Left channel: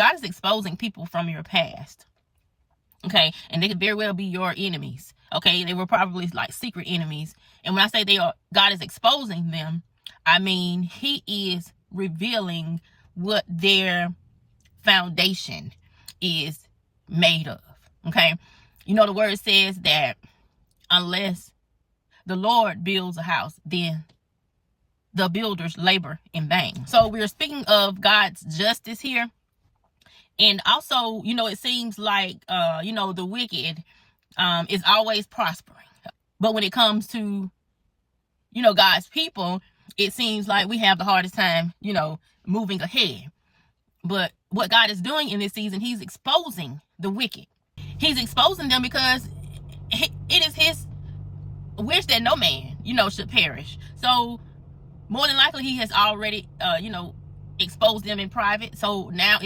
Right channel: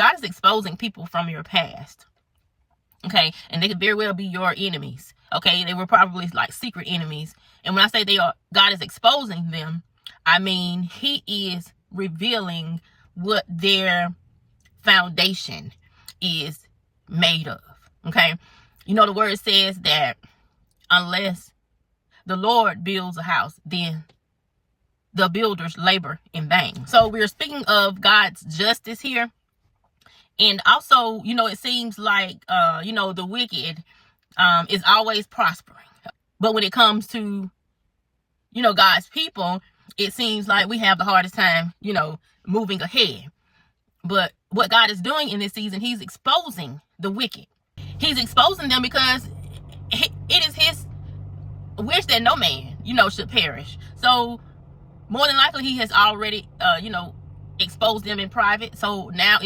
God is exposing people from your past. Okay, and they could very well be your enemies. Okay, they were probably like secret enemies. And when I say God is exposing them, I mean he is revealing what their foundation is made of. Okay, you know the word says that unless the Lord builds a house, then the builders labor in vain. So we're speaking of God's justice here. And also, you know, it seems like, you know, the wicked is always prospering. But when it comes to, you know, God's people, it seems like we have the hardest time, you know, moving ahead. But what God is doing in this season, he's exposing the wicked. He's exposing them because it is his wish that no man, you know, should perish. So more than likely he has already, you know, exposed them in private. So now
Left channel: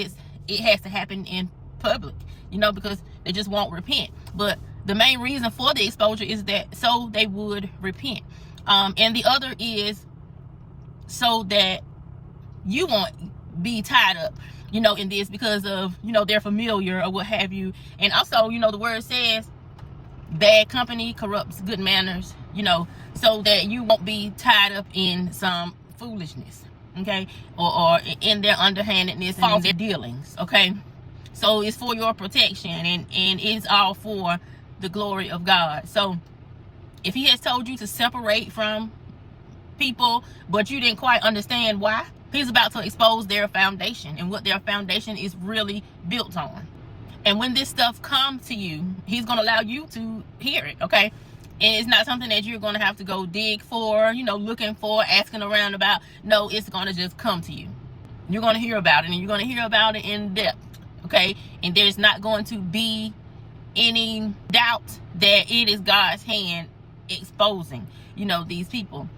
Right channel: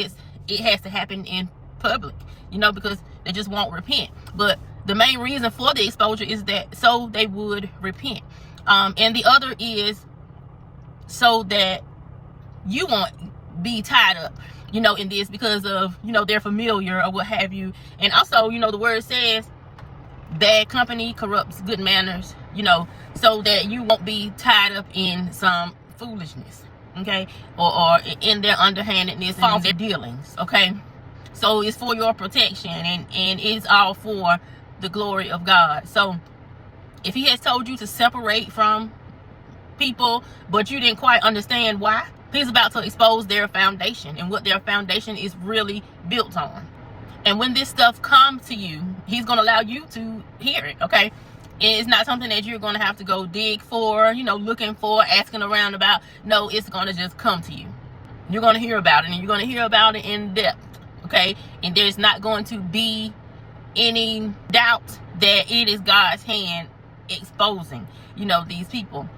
it has to happen in public, you know, because they just won't repent. But the main reason for the exposure is that so they would repent. And the other is so that you won't be tied up, you know, in this because of, you know, they're familiar or what have you. And also, you know, the word says bad company corrupts good manners, you know, so that you won't be tied up in some foolishness. Okay, or in their underhandedness and their dealings. Okay, so it's for your protection, and it's all for the glory of God. So if he has told you to separate from people, but you didn't quite understand why, he's about to expose their foundation and what their foundation is really built on. And when this stuff comes to you, he's going to allow you to hear it. Okay, and it's not something that you're going to have to go dig for, you know, looking for, asking around about. No, it's going to just come to you. You're going to hear about it, and you're going to hear about it in depth, okay? And there's not going to be any doubt that it is God's hand exposing, you know, these people.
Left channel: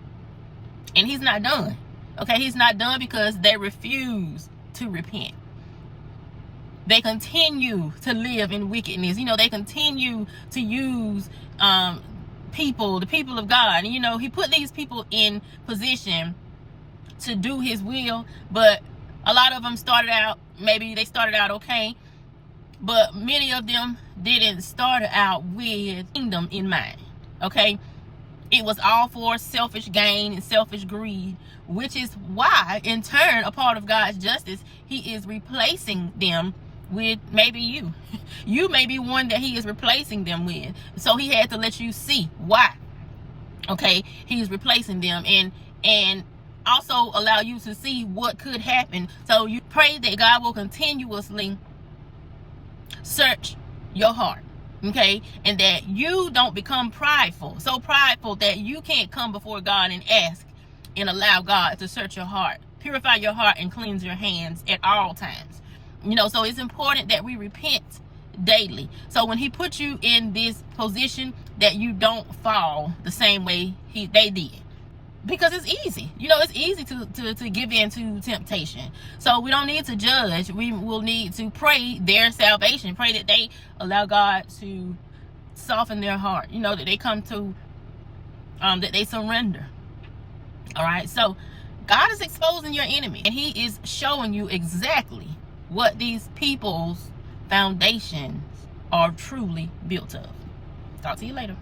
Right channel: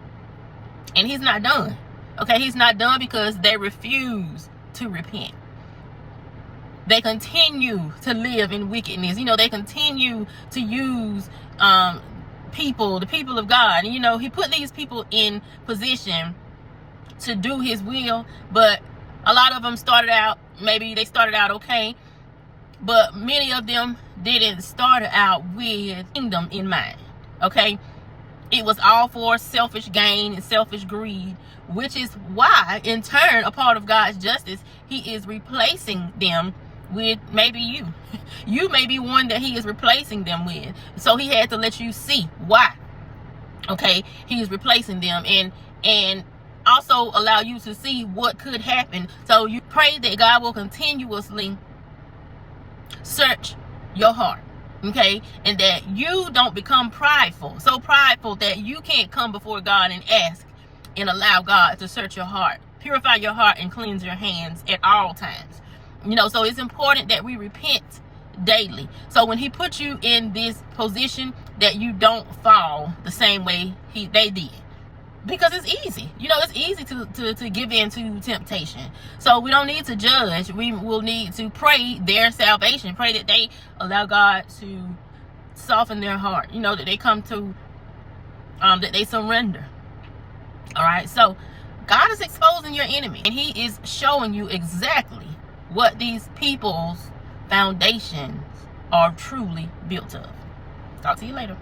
And he's not done, okay? He's not done because they refuse to repent. They continue to live in wickedness. You know, they continue to use the people of God. And, you know, he put these people in position to do his will, but a lot of them started out, maybe they started out okay, but many of them didn't start out with kingdom in mind. Okay, it was all for selfish gain and selfish greed, which is why in turn, a part of God's justice, he is replacing them with maybe you. You may be one that he is replacing them with. So he had to let you see why. Okay, he's replacing them, and also allow you to see what could happen. So you pray that God will continuously search your heart. Okay, and that you don't become prideful, so prideful that you can't come before God and ask and allow God to search your heart, purify your heart, and cleanse your hands at all times. You know, so it's important that we repent daily. So when he puts you in this position, that you don't fall the same way they did. Because it's easy. You know, it's easy to give in to temptation. So we don't need to judge. We will need to pray their salvation. Pray that they allow God to soften their heart. You know, that they come to, that they surrender. All right. So God is exposing your enemy. And he is showing you exactly what these people's foundations are truly built of. Talk to you later.